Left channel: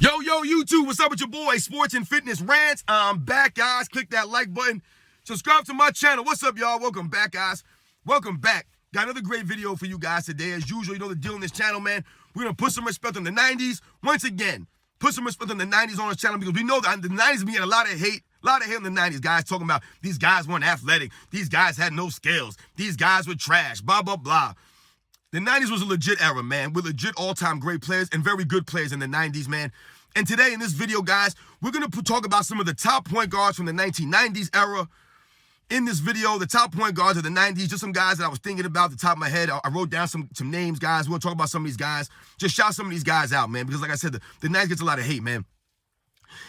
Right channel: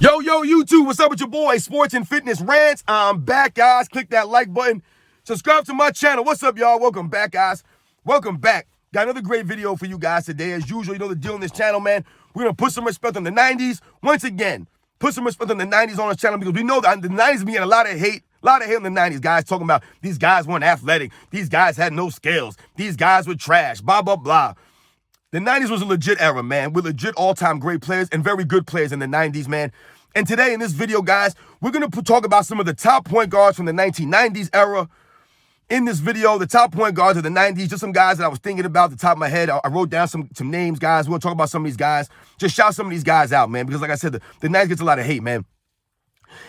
Yo, YouTube, what's up with your boy, Sports and Fitness Rants? I'm back, guys. Click that like button. Subscribe to my channel. What's up, y'all? Welcome back, guys. Welcome back. Got another great video for you guys today. As usual, you know the deal on this channel, man. We're going to put some respect on the 90s. Once again, put some respect on the 90s on this channel because we know that the 90s been getting a lot of hate. A lot of hate on the 90s, guys, talking about these guys weren't athletic. These guys had no skills. These guys were trash, blah, blah, blah. The 90s was a legit era, man, with legit all-time great players and very good players in the 90s, man. And today in this video, guys, we're going to talk about some of the top point guards from the 1990s era. In this video, the top point guards of the 90s, just some guys that I was thinking about at the top of my head. I wrote down some names, guys. We're going to talk about some of these guys. Just shout some of these guys out, man, because like I said, the 90s gets a lot of hate, man.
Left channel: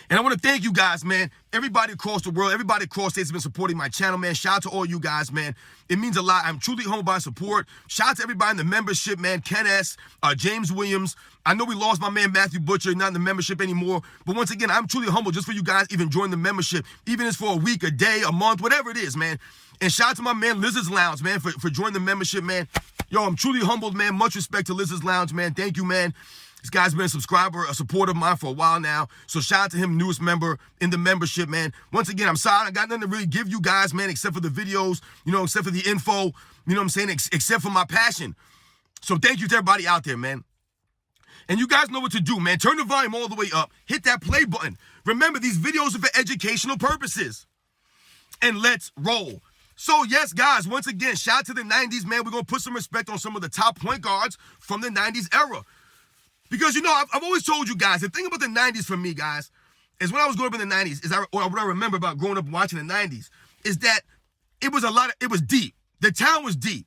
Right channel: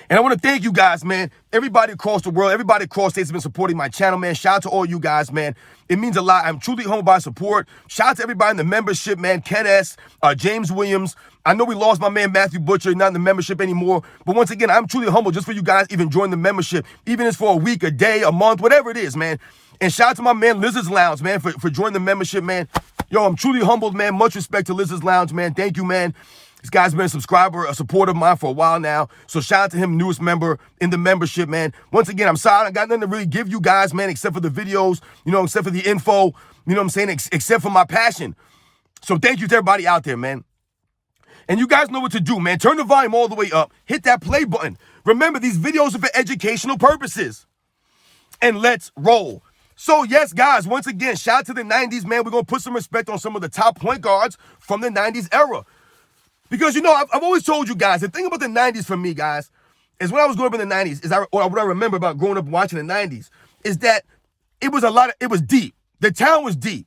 And I want to thank you guys, man. Everybody across the world, everybody across states has been supporting my channel, man. Shout out to all you guys, man. It means a lot. I'm truly humbled by support. Shout out to everybody in the membership, man. Ken S., James Williams. I know we lost my man Matthew Butcher, not in the membership anymore. But once again, I'm truly humbled just for you guys even joining the membership, even if it's for a week, a day, a month, whatever it is, man. And shout out to my man Lizard's Lounge, man, for joining the membership, man. Yo, I'm truly humbled, man. Much respect to Lizard's Lounge, man. Thank you, man. This guy's been a subscriber, a supporter of mine for a while now. So shout out to him, newest member in the membership, man. Once again, I'm sorry I got nothing to really give you guys, man, except for the videos, except for the info, you know what I'm saying, except for my passion. So thank you to everybody out there, man. And you guys know what to do, man. Turn the volume all the way up. Hit that play button. Remember, these videos are for educational purposes. And let's roll. So, yes, guys, once again, shout out to the 90s, man. We're going to put some respect on some of the top point guards from the 90s era. Because, I've always told you guys, the thing about the 90s for me, guys, is when I was growing up in the 90s, what I remember about growing up watching the 90s, is that it was deep. The town was deep.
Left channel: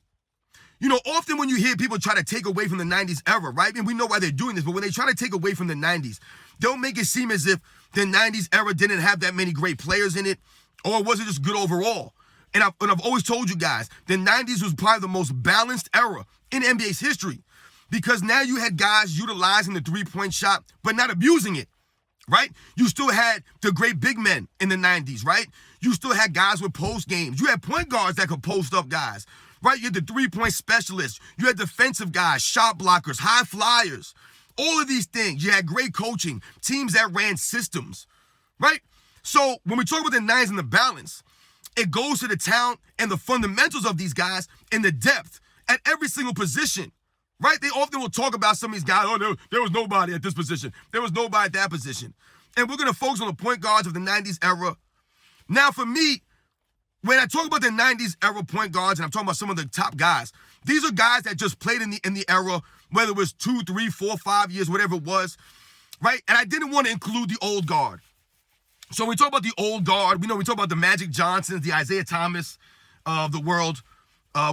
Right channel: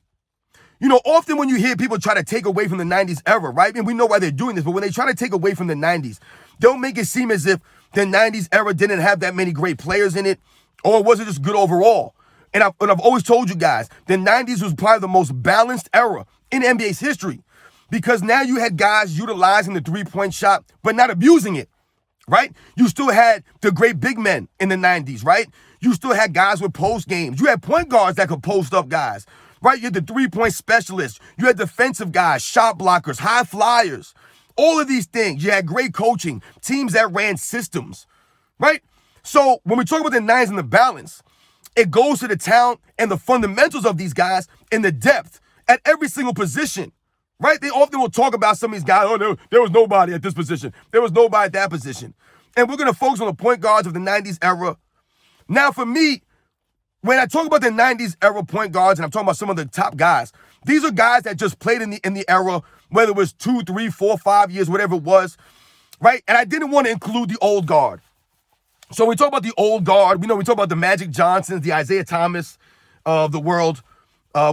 Often when you hear people try to take away from the 90s era, right? And we know why they're doing this, but when they try to take away from the 90s, they'll make it seem as if the 90s era didn't have that many great players in it, or was it just good overall? And I've always told you guys, the 90s was probably the most balanced era in NBA's history. Because now you had guys utilizing the three-point shot, but not abusing it, right? You still had the great big men in the 90s, right? You still had guys with post games. You had point guards that could post up guys, right? You had the three-point specialists. You had defensive guys, shot blockers, high flyers, all of these things. You had great coaching, teams that ran systems, right? So when we talk about the 90s and the balance, it goes to the talent and the fundamentals of these guys and the depth at every single position. Right? They often will talk about some of these guys. Oh, there was nobody at this position. There was nobody at that position. And we're going to focus on the point guards of the 90s era. Now, for me, when I talk about the 90s era point guards, and I'm talking about some of the top guys, these are guys that just played in the era, whether it was 2, 3, 4, 5 years, whatever it was, right? And I didn't want to include the old guard. So we talk about the old guard. We talk about the Magic Johnsons, the Isaiah Thomas of the world.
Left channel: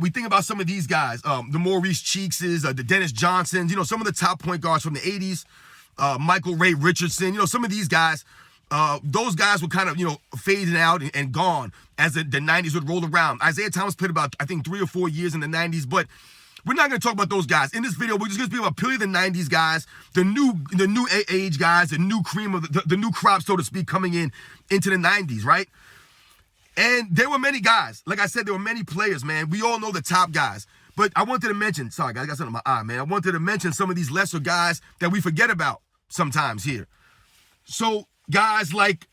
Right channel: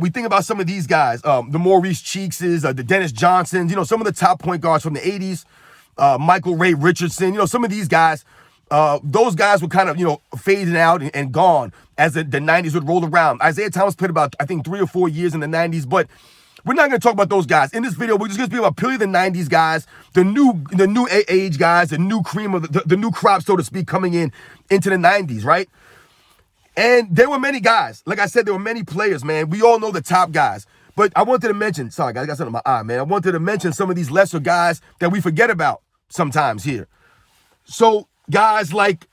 We think about some of these guys, the Maurice Cheekses, the Dennis Johnsons, some of the top point guards from the 80s, Michael Ray Richardson, some of these guys, those guys were kind of, fading out and gone as the 90s would roll around. Isaiah Thomas played about, I think, 3 or 4 years in the 90s, but we're not going to talk about those guys. In this video, we're just going to speak about purely the 90s guys, the new age guys, the new cream of the new crop, so to speak, coming into the 90s, right? And there were many guys. Like I said, there were many players, man. We all know the top guys. But I wanted to mention, sorry, guys, I got something in my eye, man. I wanted to mention some of these lesser guys that we forget about sometimes here. So guys like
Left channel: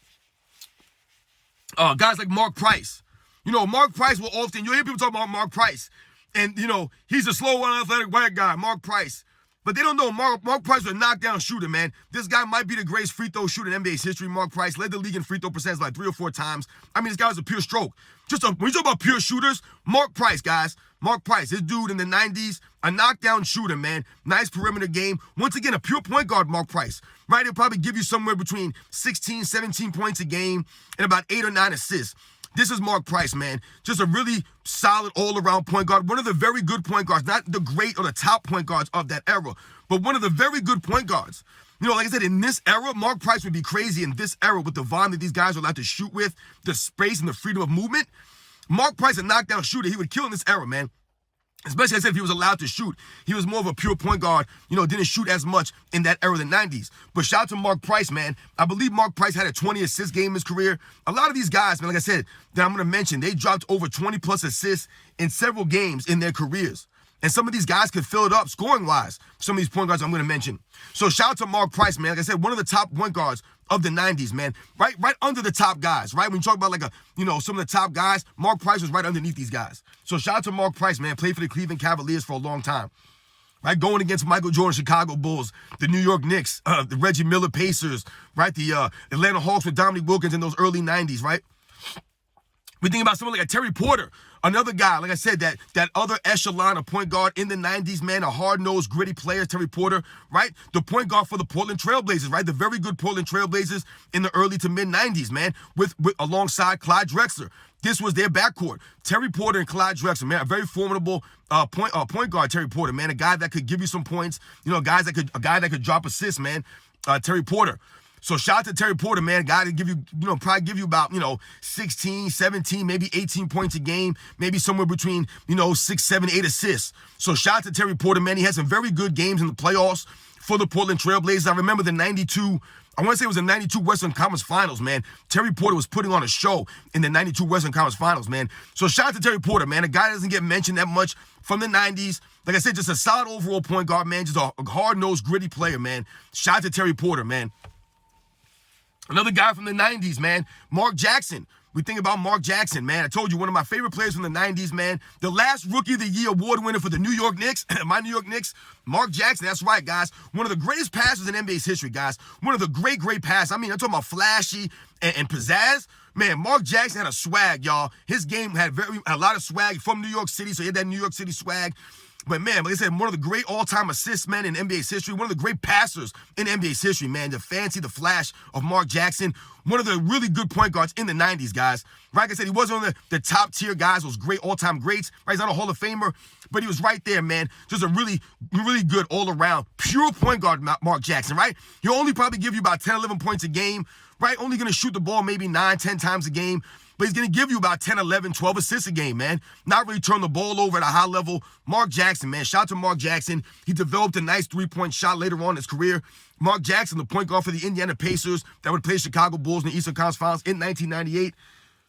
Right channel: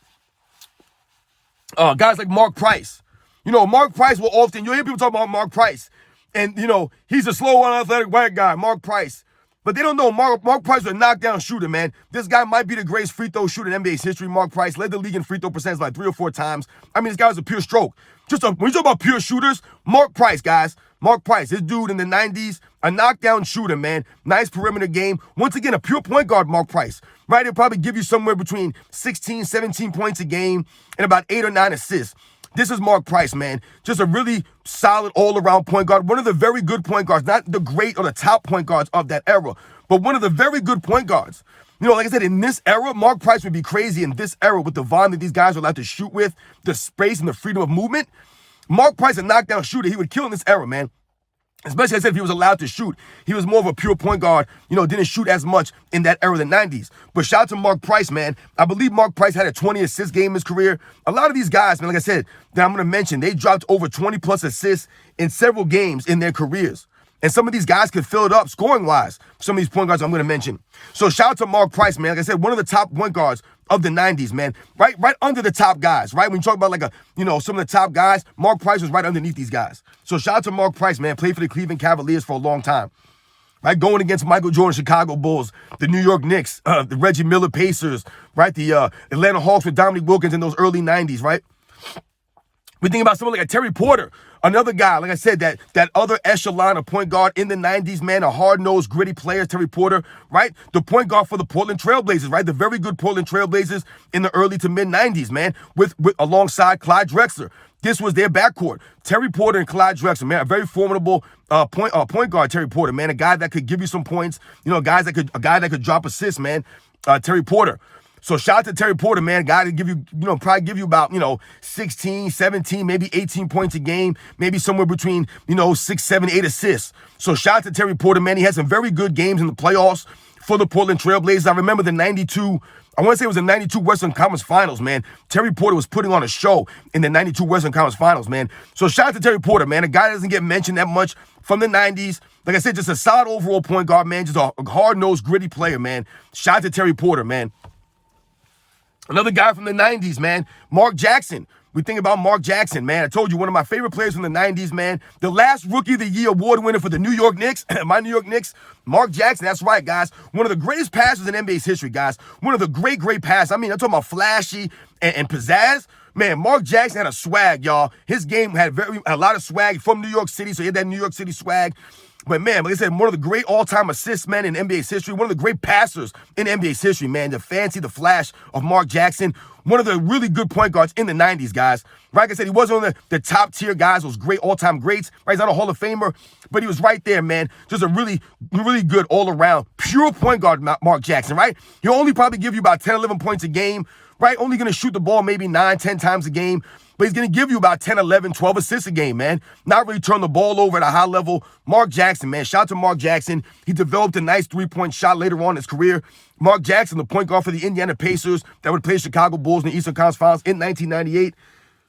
Mark Price. Mark Price will often, you'll hear people talk about Mark Price. And, he's a slow, unathletic white guy, Mark Price. But they don't know Mark Price was a knockdown shooter, man. This guy might be the greatest free throw shooter in NBA's history. Mark Price led the league in free throw percentage like 3 or 4 times. I mean, this guy was a pure stroke. When you talk about pure shooters, Mark Price, guys. Mark Price, this dude in the 90s, a knockdown shooter, man. Nice perimeter game. Once again, a pure point guard, Mark Price, right? He'll probably give you somewhere between 16, 17 points a game and about 8 or 9 assists. This is Mark Price, man. Just a really solid all-around point guard. One of the very good point guards, not the great or the top point guards of that era, but one of the very good point guards. Like I said, in this era, Mark Price would be crazy in this era with the volume that these guys are allowed to shoot with, the space and the freedom of movement. Mark Price, a knockdown shooter, he would kill in this era, man. Especially, I said, if he was allowed to shoot. He was more of a pure point guard, didn't shoot as much in that era of the 90s. But shout out to Mark Price, man. I believe Mark Price had a 20-assist game in his career. A lot of these guys, man, like I said, that I'm going to mention, they dropped over 20-plus assists in several games in their careers. And some of these guys could fill it up scoring-wise. Some of these point guards I'm going to mention. So shout out to Mark Price, man. Like I said, one of the top point guards of the 90s, man. Right under the top guys, right? When you talk about some of the top guys, Mark Price was right underneath these guys. So shout out to Mark Price, man. Played for the Cleveland Cavaliers for a long time. Right, going against Michael Jordan, Chicago Bulls, the New York Knicks, the Reggie Miller Pacers, right? The Atlanta Hawks with Dominique Wilkins in those early 90s, right? We think about someone like a Terry Porter, another guy, like I said, that other echelon of point guard in the 90s, man, a hard-nosed, gritty player, Terry Porter, right? The point guard for the Portland Trailblazers, right? The very good Portland Trailblazers in the early to mid-90s, man, with alongside Clyde Drexler. This was their backcourt. Terry Porter and Clyde Drexler, man, a very formidable point guard, Terry Porter, man, a guy that could give you some points, a guy that could drop assists, man, Terry Porter. So shout out to Terry Porter, man, a guy to give you, probably give you about, 16, 17, maybe 18 points a game, maybe somewhere between, 6, 7, 8 assists. So shout out to Terry Porter, man. He had some very good games in the playoffs for the Portland Trailblazers. I remember the 92, I want to say it was the 92 Western Conference Finals, man. Terry Porter was putting on a show in the 92 Western Conference Finals, man. So shout out to Terry Porter, man, a guy that doesn't get mentioned that much from the 90s. Like I said, just a solid overall point guard, man, just a hard-nosed, gritty player, man. Shout out to Terry Porter, man. Another guy from the 90s, man, Mark Jackson. We think about Mark Jackson, man. I told you, one of my favorite players from the 90s, man. The last Rookie of the Year award winner for the New York Knicks, my New York Knicks, Mark Jackson. That's right, guys. One of the greatest passers in NBA's history, guys. One of the great passes. I mean, I'm talking about flashy and pizzazz. Man, Mark Jackson had a swag, y'all. His game had a lot of swag from New York City, so he had that New York City swag. But, man, like I said, one of the great all-time assists men in NBA's history, one of the great passers in NBA's history, man. The flash of Mark Jackson, one of the really good point guards in the 90s, guys. Like I said, he wasn't one of the top-tier guys, those great all-time greats. Right? He's not a Hall of Famer, but he was right there, man. Just a really, really good all-around, pure point guard, Mark Jackson, right? He'll only probably give you about 10, 11 points a game, right? Only going to shoot the ball maybe 9, 10 times a game. But he's going to give you about 10, 11, 12 assists a game, man. Not really turn the ball over at a high level. Mark Jackson, man. Shout out to Mark Jackson. He developed a nice three-point shot later on in his career. Mark Jackson, the point guard for the Indiana Pacers that would play Chicago Bulls in the Eastern Conference Finals in 1998.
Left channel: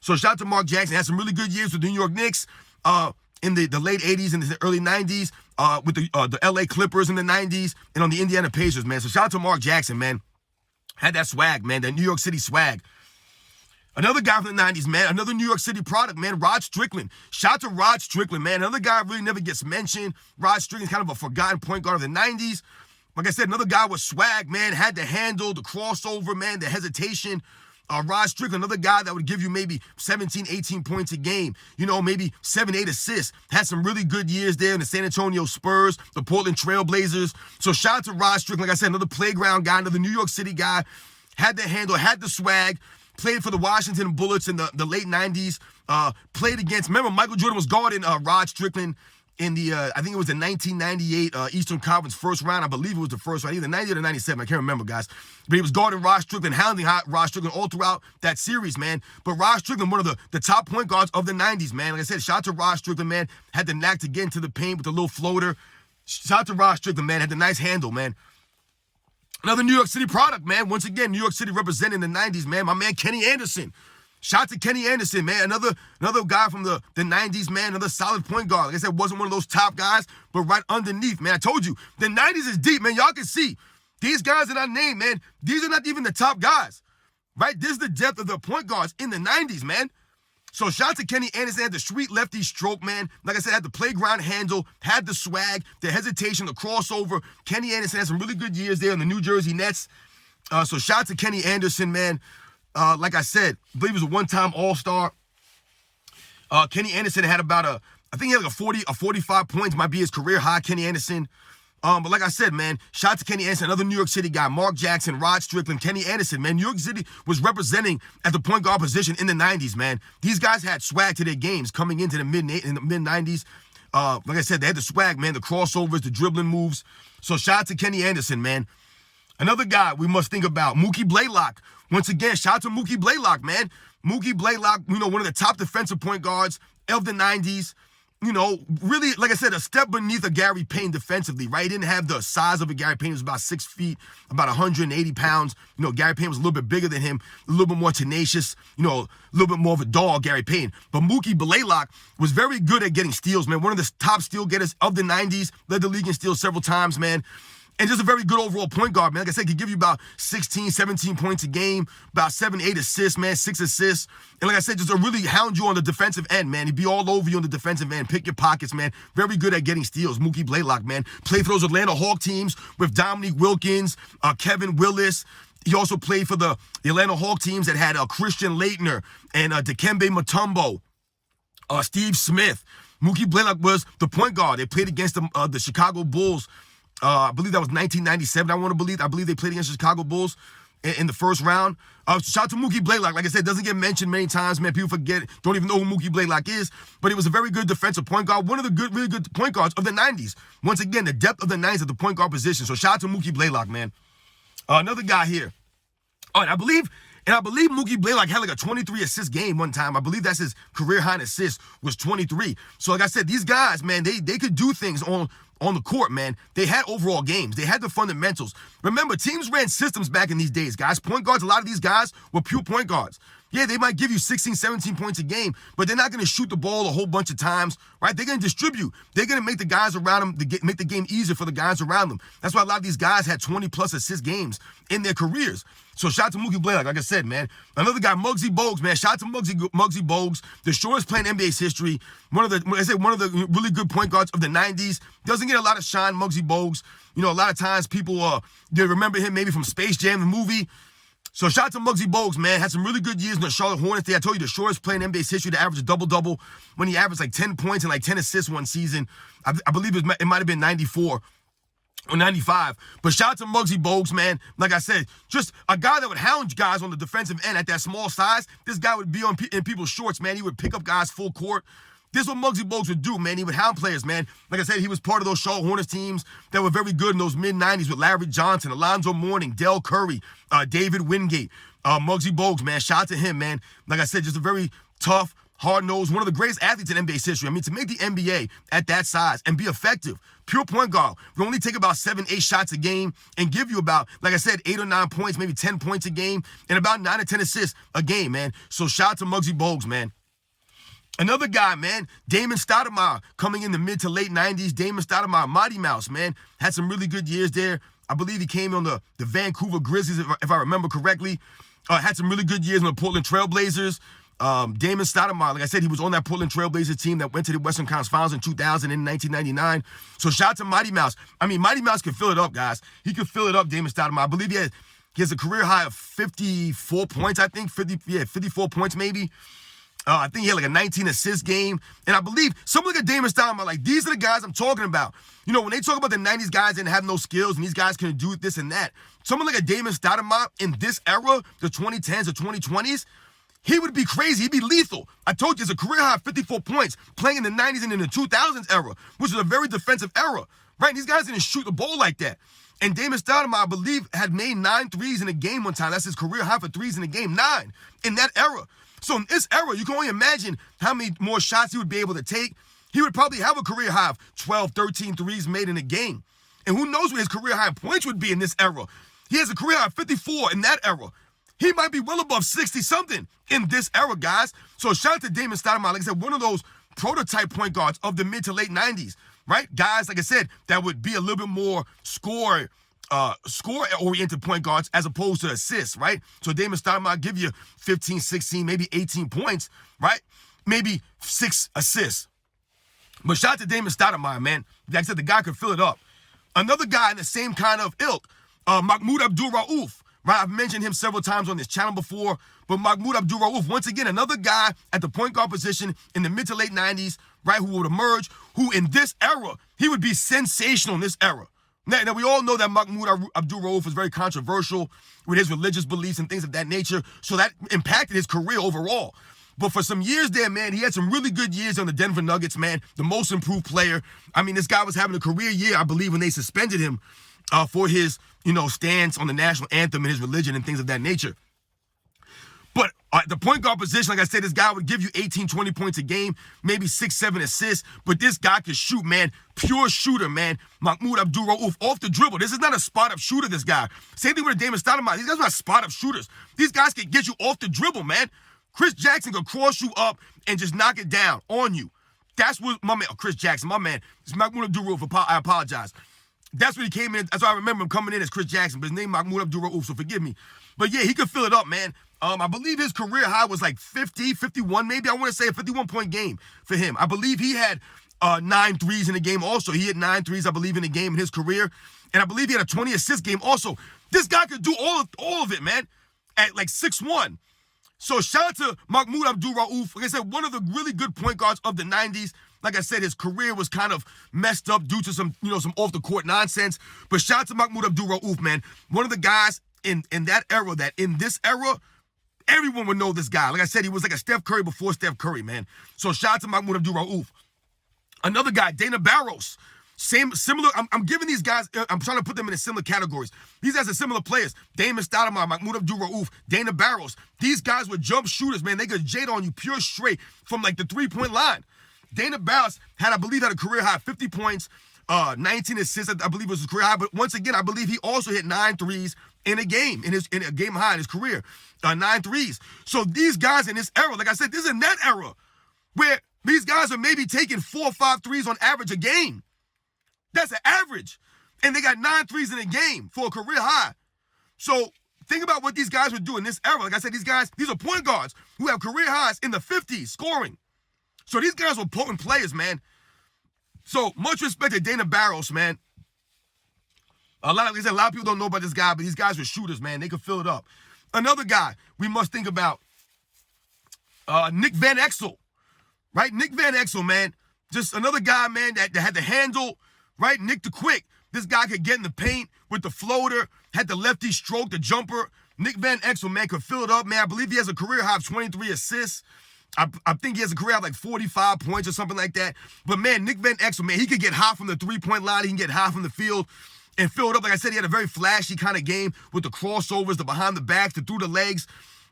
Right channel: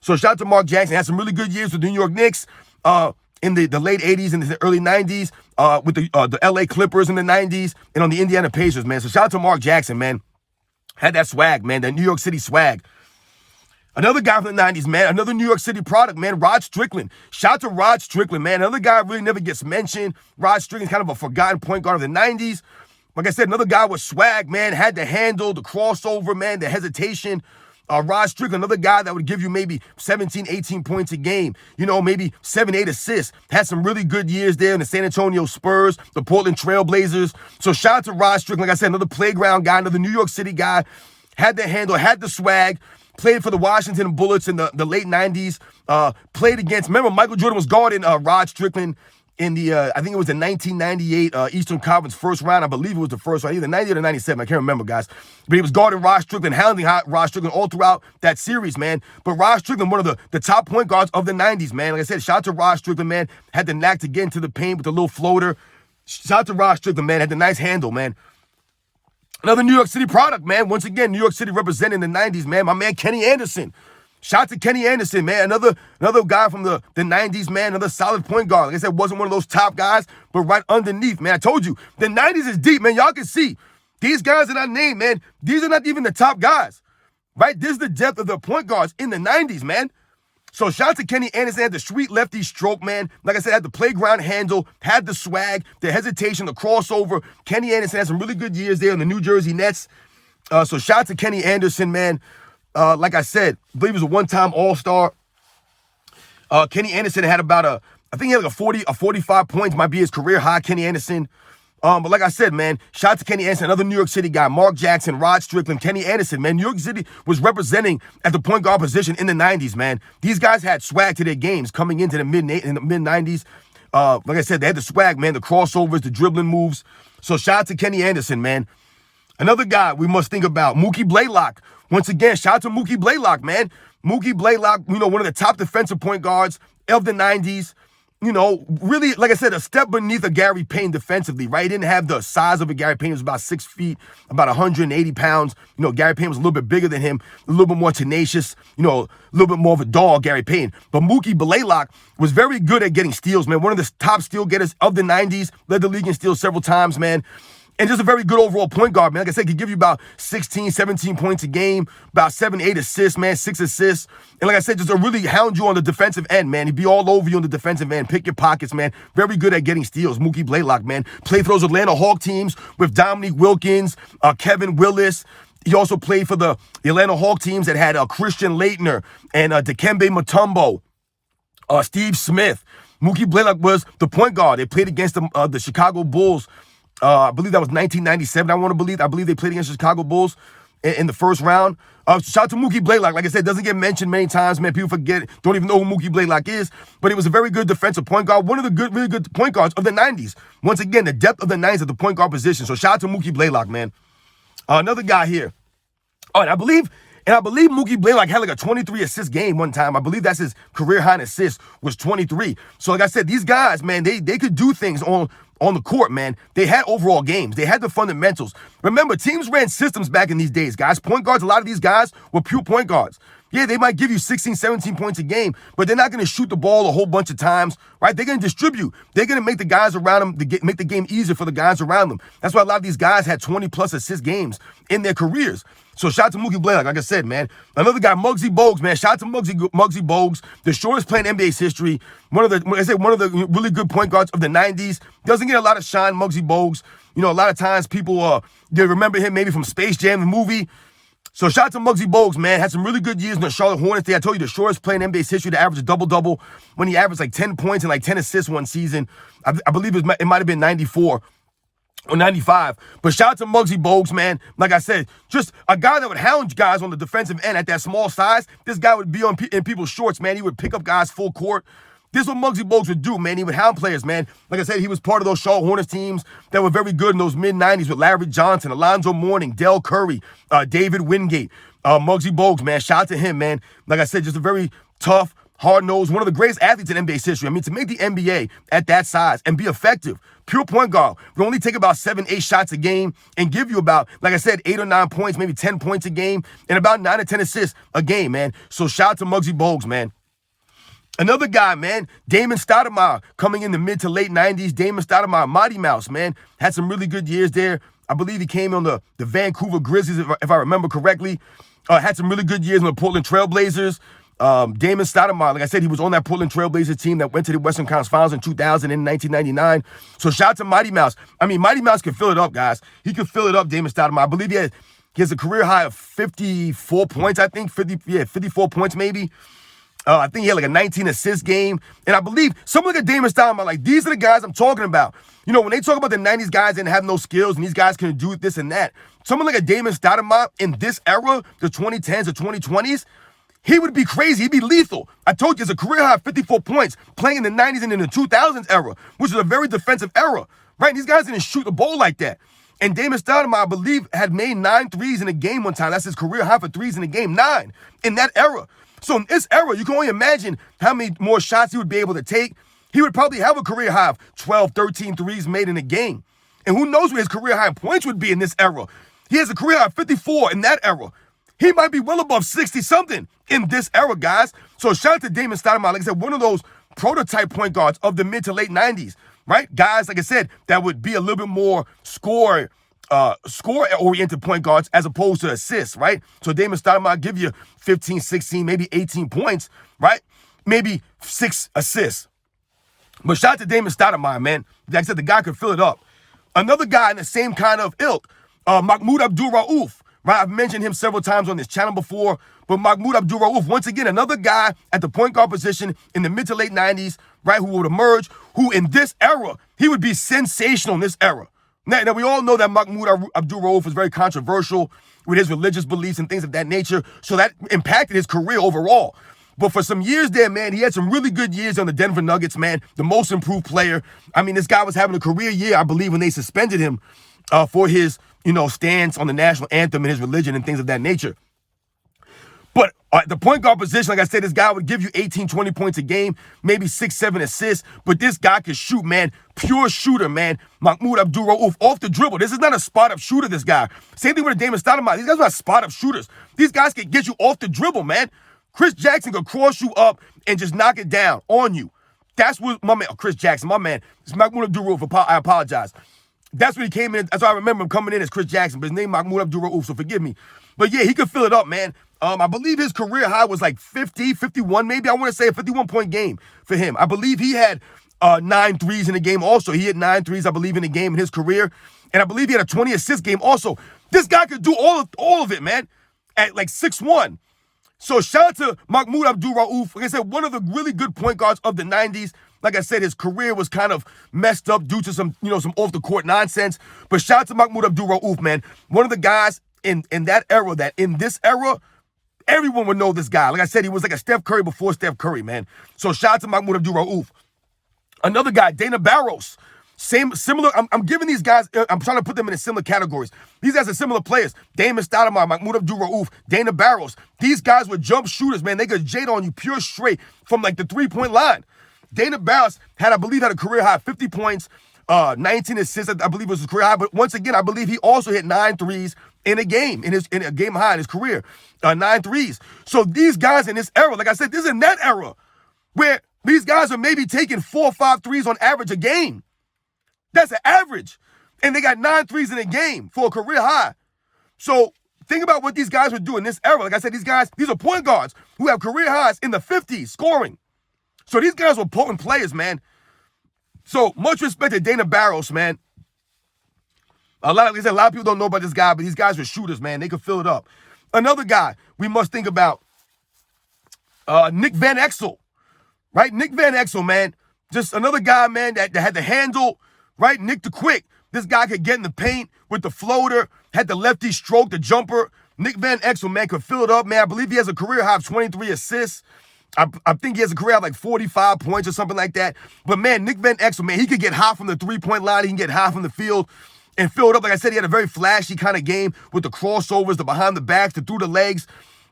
So shout out to Mark Jackson. Had some really good years with the New York Knicks in the late 80s and the early 90s, with the LA Clippers in the 90s, and on the Indiana Pacers, man. So shout out to Mark Jackson, man. Had that swag, man, that New York City swag. Another guy from the 90s, man, another New York City product, man, Rod Strickland. Shout out to Rod Strickland, man. Another guy really never gets mentioned. Rod Strickland's kind of a forgotten point guard of the 90s. Like I said, another guy with swag, man, had the handle, the crossover, man, the hesitation. Rod Strickland, another guy that would give you maybe 17, 18 points a game, maybe 7, 8 assists. Had some really good years there in the San Antonio Spurs, the Portland Trailblazers. So shout out to Rod Strickland. Like I said, another playground guy, another New York City guy. Had the handle, had the swag. Played for the Washington Bullets in the late 90s. Played against, remember, Michael Jordan was guarding Rod Strickland in the, I think it was the 1998 Eastern Conference first round. I believe it was the first round, either 98 or 97. I can't remember, guys. But he was guarding Rod Strickland, hounding Rod Strickland all throughout that series, man. But Rod Strickland, one of the top point guards of the 90s, man. Like I said, shout out to Rod Strickland, man. Had the knack to get into the paint with the little floater. Shout out to Rod Strickland, man. Had the nice handle, man. Another New York City product, man. Once again, New York City representing the 90s, man. My man, Kenny Anderson. Shout out to Kenny Anderson, man. Another guy from the 90s, man. Another solid point guard. Like I said, wasn't one of those top guys, but right underneath, man. I told you, the 90s is deep, man. Y'all can see. These guys that I named, man, these are not even the top guys, right? This is the depth of the point guards in the 90s, man. So shout out to Kenny Anderson, had the sweet lefty stroke, man. Like I said, had the playground handle, had the swag, the hesitation, the crossover. Kenny Anderson had some really good years there in the New Jersey Nets. So shout out to Kenny Anderson, man. Like I said, I believe he was a one-time All-Star. Kenny Anderson had about I think he had like 45 points, might be his career high, Kenny Anderson. But like I said, man, shout out to Kenny Anderson, another New York City guy, Mark Jackson, Rod Strickland, Kenny Anderson, man. New York City was representing at the point guard position in the 90s, man. These guys had swag to their games coming into the mid-90s. Like I said, they had the swag, man, the crossovers, the dribbling moves. So shout out to Kenny Anderson, man. Another guy we must think about, Mookie Blaylock. Once again, shout out to Mookie Blaylock, man. Mookie Blaylock, one of the top defensive point guards of the 90s. really, like I said, a step beneath a Gary Payton defensively, right? He didn't have the size of a Gary Payton. He was about 6 feet, about 180 pounds. Gary Payton was a little bit bigger than him, a little bit more tenacious, a little bit more of a dog, Gary Payton. But Mookie Blaylock was very good at getting steals, man. One of the top steal getters of the 90s, led the league in steals several times, man. And just a very good overall point guard, man. Like I said, could give you about 16, 17 points a game, about 7, 8 assists, man, 6 assists. And like I said, just to really hound you on the defensive end, man. He'd be all over you on the defensive end, pick your pockets, man. Very good at getting steals. Mookie Blaylock, man. Played for those Atlanta Hawk teams with Dominique Wilkins, Kevin Willis. He also played for the Atlanta Hawk teams that had Christian Laettner and Dikembe Mutombo, Steve Smith. Mookie Blaylock was the point guard. They played against the Chicago Bulls. I believe that was 1997. I believe they played against the Chicago Bulls in the first round. Shout out to Mookie Blaylock. Like I said, doesn't get mentioned many times, man. People forget, don't even know who Mookie Blaylock is. But he was a very good defensive point guard. One of the really good point guards of the 90s. Once again, the depth of the 90s at the point guard position. So shout out to Mookie Blaylock, man. Another guy here. And I believe Mookie Blaylock had like a 23 assist game one time. I believe that's his career high in assists was 23. So like I said, these guys, man, they could do things on the court, man. They had overall games. They had the fundamentals. Remember, teams ran systems back in these days, guys. Point guards, a lot of these guys were pure point guards. Yeah, they might give you 16, 17 points a game, but they're not going to shoot the ball a whole bunch of times, right? They're going to distribute. They're going to make the guys around them, make the game easier for the guys around them. That's why a lot of these guys had 20-plus assist games in their careers. So shout out to Mookie Blaylock, like I said, man. Another guy, Muggsy Bogues, man. Shout out to Muggsy Bogues, the shortest player in NBA's history. One of the really good point guards of the 90s. Doesn't get a lot of shine, Muggsy Bogues. A lot of times people they remember him maybe from Space Jam, the movie. So shout out to Muggsy Bogues, man. Had some really good years in the Charlotte Hornets. I told you the shortest player in NBA's history to average a double-double when he averaged like 10 points and like 10 assists one season. I believe it might have been 94 or 95. But shout out to Muggsy Bogues, man. Like I said, just a guy that would hound guys on the defensive end at that small size. This guy would be in people's shorts, man. He would pick up guys full court. This is what Muggsy Bogues would do, man. He would hound players, man. Like I said, he was part of those Charlotte Hornets teams that were very good in those mid-90s with Larry Johnson, Alonzo Mourning, Del Curry, David Wingate. Muggsy Bogues, man. Shout out to him, man. Like I said, just a very tough, hard-nosed, one of the greatest athletes in NBA's history. I mean, to make the NBA at that size and be effective, pure point guard, we only take about 7, 8 shots a game and give you about, like I said, 8 or 9 points, maybe 10 points a game, and about 9 or 10 assists a game, man. So shout out to Muggsy Bogues, man. Another guy, man, Damon Stoudemire, coming in the mid to late 90s. Damon Stoudemire, Mighty Mouse, man, had some really good years there. I believe he came on the Vancouver Grizzlies, if I remember correctly. Had some really good years on the Portland Trailblazers. Damon Stoudemire, like I said, he was on that Portland Trailblazers team that went to the Western Conference Finals in 2000 and 1999. So shout out to Mighty Mouse. I mean, Mighty Mouse can fill it up, guys. He can fill it up, Damon Stoudemire. I believe he has a career high of 54 points, I think. 54 points maybe. I think he had like a 19 assist game. And I believe someone like a Damon Stoudemire, like these are the guys I'm talking about. When they talk about the 90s guys didn't have no skills and these guys couldn't do this and that. Someone like a Damon Stoudemire in this era, the 2010s or 2020s, he would be crazy. He'd be lethal. I told you, it's a career high of 54 points playing in the 90s and in the 2000s era, which is a very defensive era, right? These guys didn't shoot the ball like that. And Damon Stoudemire, I believe, had made 9 threes in a game one time. That's his career high for threes in a game, 9 in that era. So in this era, you can only imagine how many more shots he would be able to take. He would probably have a career high of 12, 13 threes made in a game. And who knows where his career high in points would be in this era. He has a career high of 54 in that era. He might be well above 60-something in this era, guys. So shout out to Damon Stoudemire. Like I said, one of those prototype point guards of the mid to late 90s, right? Guys, like I said, that would be a little bit more score-oriented point guards as opposed to assists, right? So Damon Stoudemire give you 15, 16, maybe 18 points, right? Maybe 6 assists. But shout out to Damon Stoudemire, man. Like I said, the guy could fill it up. Another guy in the same kind of ilk, Mahmoud Abdul-Rauf, right? I've mentioned him several times on this channel before, but Mahmoud Abdul-Rauf, once again, another guy at the point guard position in the mid to late 90s, right, who would emerge, who in this era, he would be sensational in this era. Now, we all know that Mahmoud Abdul-Rauf was very controversial with his religious beliefs and things of that nature, so that impacted his career overall. But for some years there, man, he had some really good years on the Denver Nuggets, man, the most improved player. I mean, this guy was having a career year, I believe, when they suspended him for his, stance on the national anthem and his religion and things of that nature. But at the point guard position, like I said, this guy would give you 18, 20 points a game, maybe 6, 7 assists. But this guy could shoot, man. Pure shooter, man. Mahmoud Abdul-Rauf off the dribble. This is not a spot-up shooter, this guy. Same thing with Damon Stoudemire. These guys are not spot-up shooters. These guys can get you off the dribble, man. Chris Jackson could cross you up and just knock it down on you. That's what my man, Chris Jackson, my man. It's Mahmoud Abdul-Rauf. I apologize. That's what he came in. That's why I remember him coming in as Chris Jackson, but his name Mahmoud Abdul-Rauf, so forgive me. But yeah, he could fill it up, man. I believe his career high was like 50, 51, maybe. I want to say a 51-point game for him. I believe he had 9 threes in the game also. He hit 9 threes, I believe, in the game in his career. And I believe he had a 20-assist game also. This guy could do all of it, man, at like 6'1". So shout out to Mahmoud Abdul-Rauf. Like I said, one of the really good point guards of the 90s. Like I said, his career was kind of messed up due to some off-the-court nonsense. But shout out to Mahmoud Abdul-Rauf, man. One of the guys in that era, that in this era, everyone would know this guy. Like I said, he was like a Steph Curry before Steph Curry, man. So shout out to Mahmoud Abdul-Rauf. Another guy, Dana Barros. Similar. I'm giving these guys, I'm trying to put them in similar categories. These guys are similar players. Damon Stoudemire, Mahmoud Abdul-Rauf, Dana Barros. These guys were jump shooters, man. They could jade on you pure straight from like the 3-point line. Dana Barros had a career high 50 points, 19 assists, I believe was his career high. But once again, I believe he also hit 9 threes in a game, in a game high in his career, 9 threes. So these guys in this era, like I said, this is in that era where these guys are maybe taking 4 or 5 threes on average a game. That's an average. And they got 9 threes in a game for a career high. So think about what these guys would do in this era. Like I said, these are point guards who have career highs in the 50s scoring. So these guys were potent players, man. So much respect to Dana Barros, man. Like I said, a lot of people don't know about this guy, but these guys were shooters, man. They could fill it up. Another guy we must think about, Nick Van Exel, right? Nick Van Exel, man. Just another guy, man, that had the handle, right? Nick the Quick. This guy could get in the paint with the floater, had the lefty stroke, the jumper. Nick Van Exel, man, could fill it up, man. I believe he has a career high of 23 assists. I think he has a career of like 45 points or something like that. But, man, Nick Van Exel, man, he could get high from the 3-point line. He can get high from the field and fill it up. Like I said, he had a very flashy kind of game with the crossovers, the behind the backs, the through the legs.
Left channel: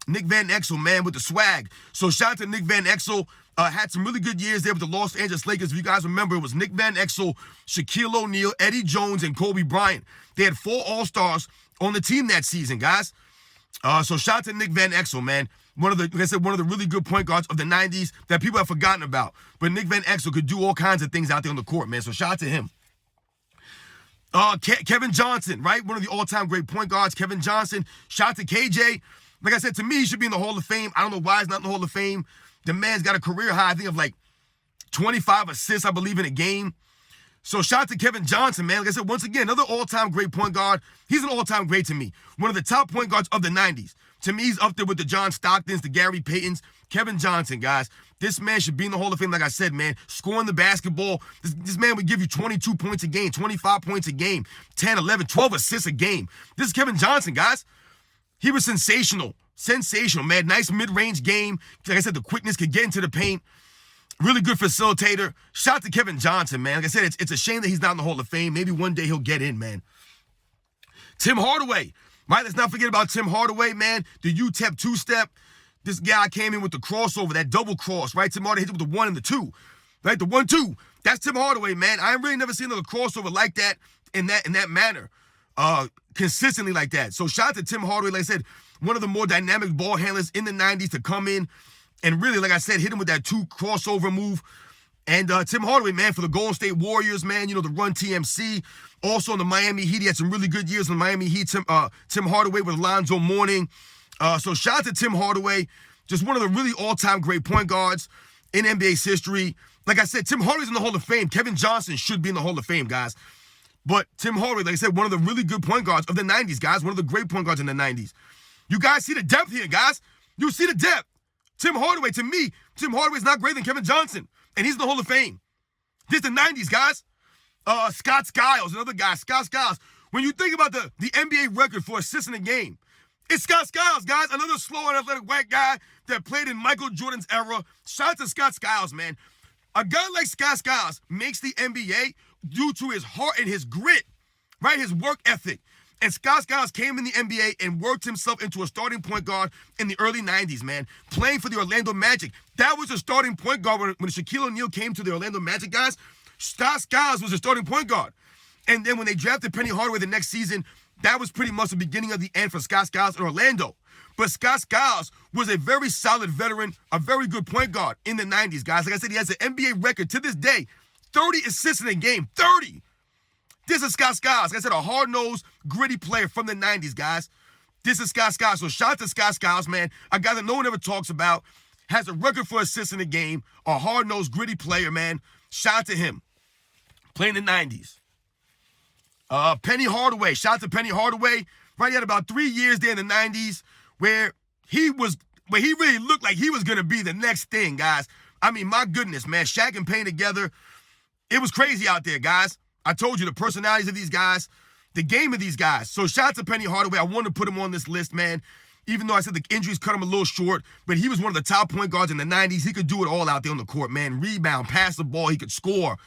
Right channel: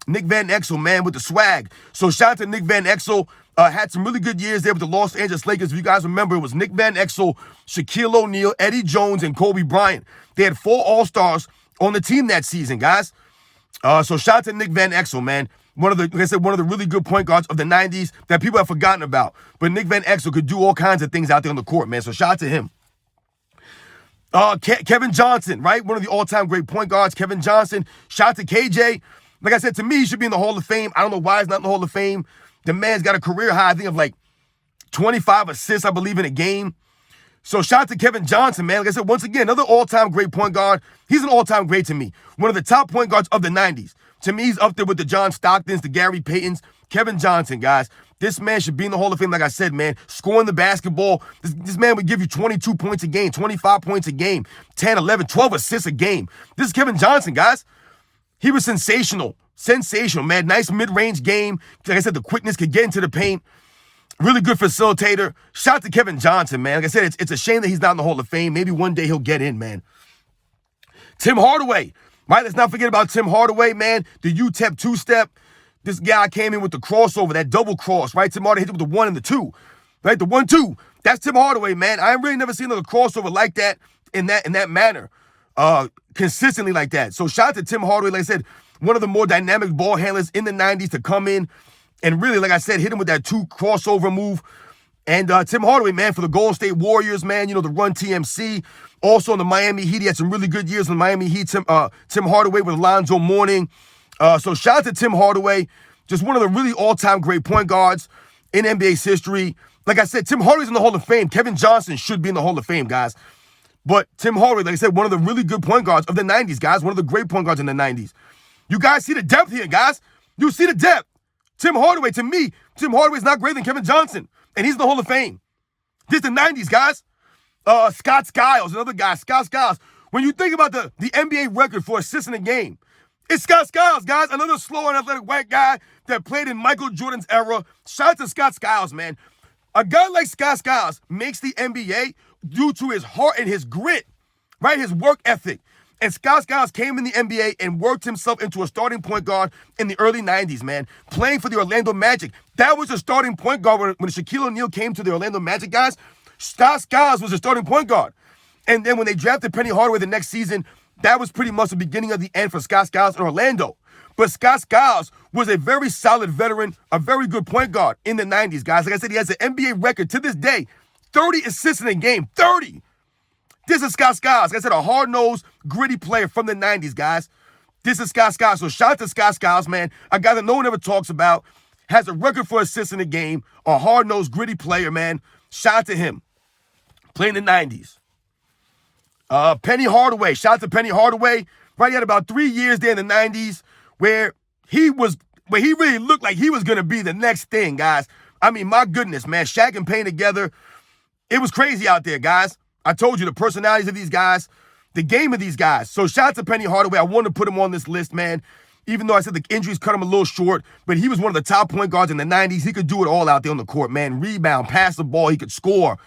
Nick Van Exel, man, with the swag. So shout out to Nick Van Exel. Had some really good years there with the Los Angeles Lakers. If you guys remember, it was Nick Van Exel, Shaquille O'Neal, Eddie Jones, and Kobe Bryant. They had 4 All-Stars on the team that season, guys. So shout out to Nick Van Exel, man. Like I said, one of the really good point guards of the 90s that people have forgotten about. But Nick Van Exel could do all kinds of things out there on the court, man. So shout out to him. Kevin Johnson, right? One of the all-time great point guards, Kevin Johnson. Shout out to KJ. Like I said, to me, he should be in the Hall of Fame. I don't know why he's not in the Hall of Fame. The man's got a career high, I think, of like 25 assists, I believe, in a game. So shout out to Kevin Johnson, man. Like I said, once again, another all-time great point guard. He's an all-time great to me. One of the top point guards of the 90s. To me, he's up there with the John Stocktons, the Gary Paytons. Kevin Johnson, guys. This man should be in the Hall of Fame, like I said, man. Scoring the basketball. This man would give you 22 points a game, 25 points a game, 10, 11, 12 assists a game. This is Kevin Johnson, guys. He was sensational. Sensational, man. Nice mid-range game. Like I said, the quickness could get into the paint. Really good facilitator. Shout out to Kevin Johnson, man. Like I said, it's a shame that he's not in the Hall of Fame. Maybe one day he'll get in, man. Tim Hardaway. Right, let's not forget about Tim Hardaway, man. The UTEP two-step. This guy came in with the crossover, that double cross, right? Tim Hardaway hit it with the 1 and the 2. Right, the 1-2. That's Tim Hardaway, man. I really never seen another crossover like that in that manner. Consistently like that. So shout out to Tim Hardaway, like I said, one of the more dynamic ball handlers in the 90s to come in and really, like I said, hit him with that 2 crossover move. And Tim Hardaway, man, for the Golden State Warriors, man, the Run TMC. Also in the Miami Heat, he had some really good years in the Miami Heat. Tim Hardaway with Alonzo Mourning. So shout out to Tim Hardaway. Just one of the really all-time great point guards in NBA's history. Like I said, Tim Hardaway's in the Hall of Fame. Kevin Johnson should be in the Hall of Fame, guys. But Tim Hardaway, like I said, one of the really good point guards of the 90s, guys. One of the great point guards in the 90s. You guys see the depth here, guys. You see the depth. Tim Hardaway, to me, Tim Hardaway's not greater than Kevin Johnson. And he's in the Hall of Fame. This is the 90s, guys. Scott Skiles, another guy. Scott Skiles. When you think about the NBA record for assists in a game, it's Scott Skiles, guys. Another slow and athletic white guy that played in Michael Jordan's era. Shout out to Scott Skiles, man. A guy like Scott Skiles makes the NBA due to his heart and his grit, right? His work ethic. And Scott Skiles came in the NBA and worked himself into a starting point guard in the early 90s, man, playing for the Orlando Magic. That was a starting point guard when Shaquille O'Neal came to the Orlando Magic, guys. Scott Skiles was a starting point guard. And then when they drafted Penny Hardaway the next season, that was pretty much the beginning of the end for Scott Skiles in Orlando. But Scott Skiles was a very solid veteran, a very good point guard in the 90s, guys. Like I said, he has an NBA record to this day, 30 assists in a game, 30. This is Scott Skiles. Like I said, a hard-nosed, gritty player from the 90s, guys. This is Scott Skiles. So shout out to Scott Skiles, man. A guy that no one ever talks about, has a record for assists in the game, a hard-nosed, gritty player, man. Shout out to him. Playing the 90s. Penny Hardaway. Shout out to Penny Hardaway. Right, he had about 3 years there in the 90s where he really looked like he was going to be the next thing, guys. I mean, my goodness, man. Shaq and Payne together. It was crazy out there, guys. I told you the personalities of these guys, the game of these guys. So shout out to Penny Hardaway. I wanted to put him on this list, man. Even though I said the injuries cut him a little short, but he was one of the top point guards in the 90s. He could do it all out there on the court, man. Rebound, pass the ball, he could score.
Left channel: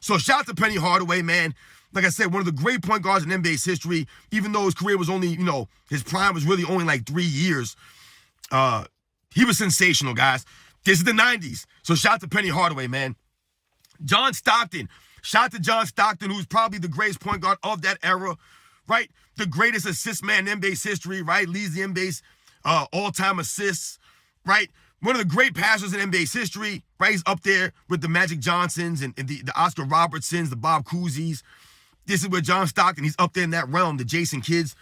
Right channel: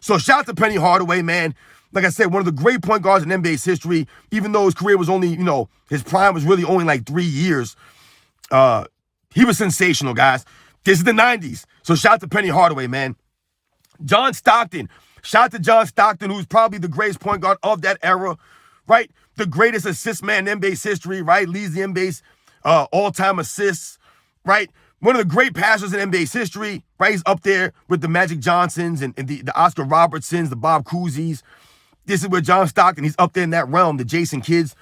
So shout out to Penny Hardaway, man. Like I said, one of the great point guards in NBA's history, even though his career was only, his prime was really only like 3 years. He was sensational, guys. This is the 90s. So shout out to Penny Hardaway, man. John Stockton. Shout out to John Stockton, who's probably the greatest point guard of that era, right? The greatest assist man in NBA's history, right? Leads the NBA's all-time assists, right? One of the great passers in NBA's history, right? He's up there with the Magic Johnsons and the Oscar Robertsons, the Bob Cousy's. This is where John Stockton, he's up there in that realm, the Jason Kidds.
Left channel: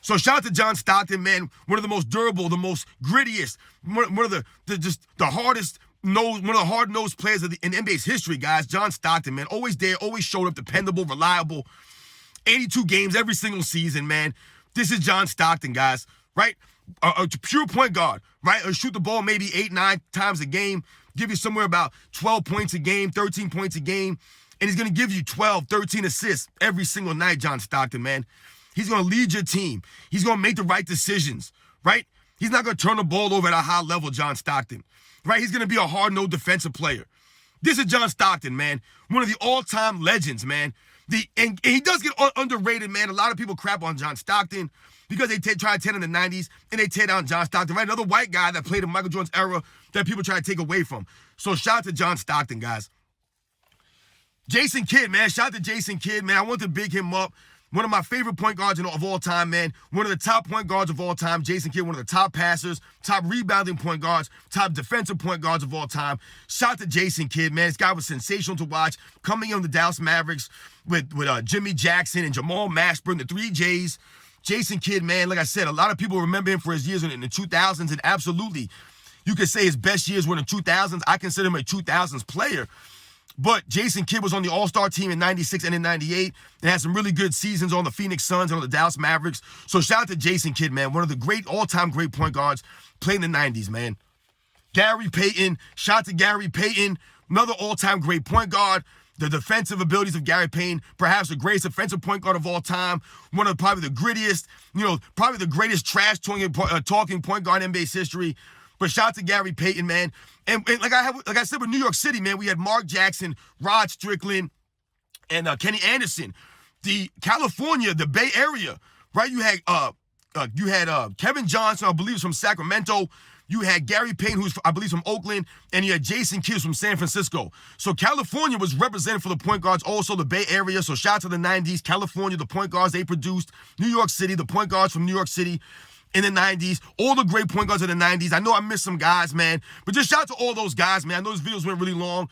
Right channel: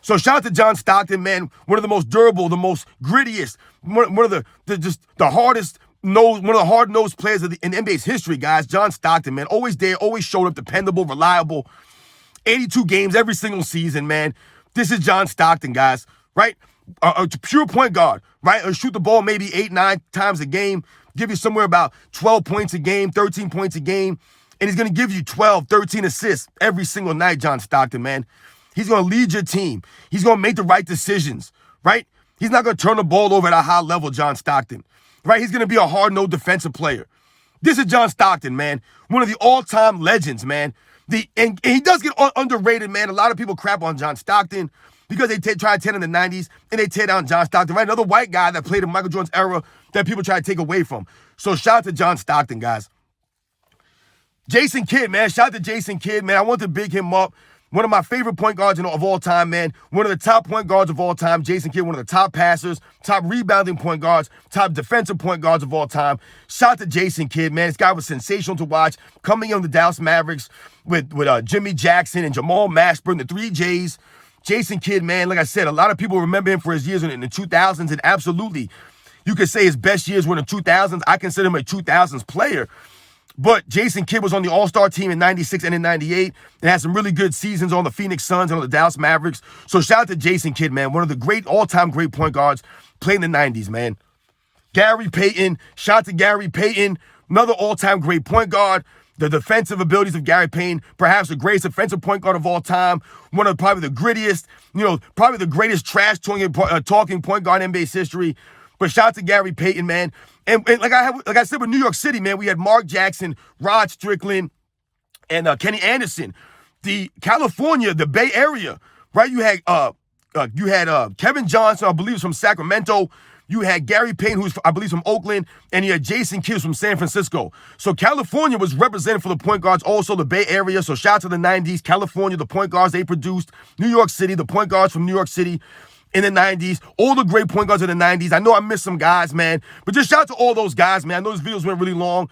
So shout out to John Stockton, man. One of the most durable, the most grittiest, one of the hardest, one of the hard-nosed players in NBA's history, guys. John Stockton, man. Always there, always showed up, dependable, reliable. 82 games every single season, man. This is John Stockton, guys, right? A pure point guard, right? Or shoot the ball maybe 8-9 times a game, give you somewhere about 12 points a game, 13 points a game, and he's going to give you 12, 13 assists every single night, John Stockton, man. He's going to lead your team. He's going to make the right decisions, right? He's not going to turn the ball over at a high level, John Stockton, right? He's going to be a hard-nosed defensive player. This is John Stockton, man. One of the all-time legends, man. And he does get underrated, man. A lot of people crap on John Stockton because they try to tear in the 90s and they tear down John Stockton, right? Another white guy that played in Michael Jordan's era that people try to take away from. So shout out to John Stockton, guys. Jason Kidd, man. Shout out to Jason Kidd, man. I want to big him up. One of my favorite point guards of all time, man. One of the top point guards of all time. Jason Kidd, one of the top passers, top rebounding point guards, top defensive point guards of all time. Shout out to Jason Kidd, man. This guy was sensational to watch. Coming in the Dallas Mavericks with Jimmy Jackson and Jamal Mashburn, the 3 J's. Jason Kidd, man, like I said, a lot of people remember him for his years in the 2000s, and absolutely, you could say his best years were in the 2000s. I consider him a 2000s player. But Jason Kidd was on the All-Star team in 96 and in 98 and had some really good seasons on the Phoenix Suns and on the Dallas Mavericks. So shout out to Jason Kidd, man. One of the great, all-time great point guards playing in the 90s, man. Gary Payton. Shout out to Gary Payton. Another all-time great point guard. The defensive abilities of Gary Payton, perhaps the greatest defensive point guard of all time. One of probably the grittiest, probably the greatest trash-talking point guard in NBA's history. But shout out to Gary Payton, man. And like I said with New York City, man, we had Mark Jackson, Rod Strickland, and Kenny Anderson. The California, the Bay Area, right? You had Kevin Johnson, I believe, from Sacramento. You had Gary Payton, who's, I believe, from Oakland, and you had Jason Kidd from San Francisco. So California was represented for the point guards, also the Bay Area. So shout out to the 90s. California, the point guards they produced. New York City, the point guards from New York City in the 90s. All the great point guards in the 90s. I know I missed some guys, man. But just shout out to all those guys, man. I know those videos went really long.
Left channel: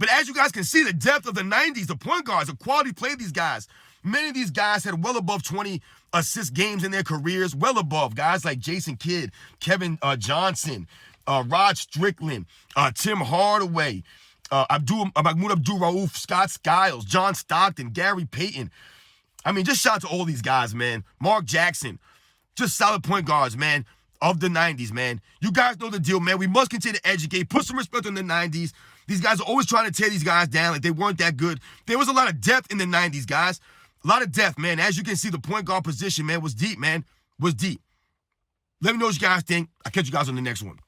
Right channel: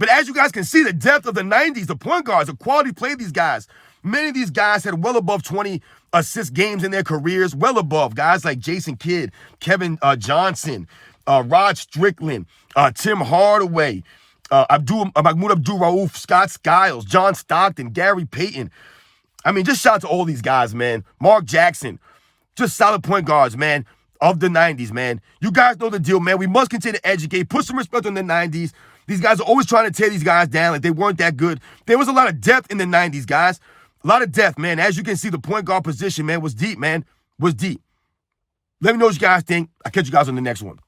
But as you guys can see, the depth of the 90s, the point guards, the quality play of these guys. Many of these guys had well above 20 assist games in their careers, well above. Guys like Jason Kidd, Kevin Johnson, Rod Strickland, Tim Hardaway, Mahmoud Abdul-Rauf, Scott Skiles, John Stockton, Gary Payton. I mean, just shout out to all these guys, man. Mark Jackson, just solid point guards, man, of the 90s, man. You guys know the deal, man. We must continue to educate, put some respect on the 90s. These guys are always trying to tear these guys down like they weren't that good. There was a lot of depth in the 90s, guys. A lot of depth, man. As you can see, the point guard position, man, was deep, man. Was deep. Let me know what you guys think. I'll catch you guys on the next one.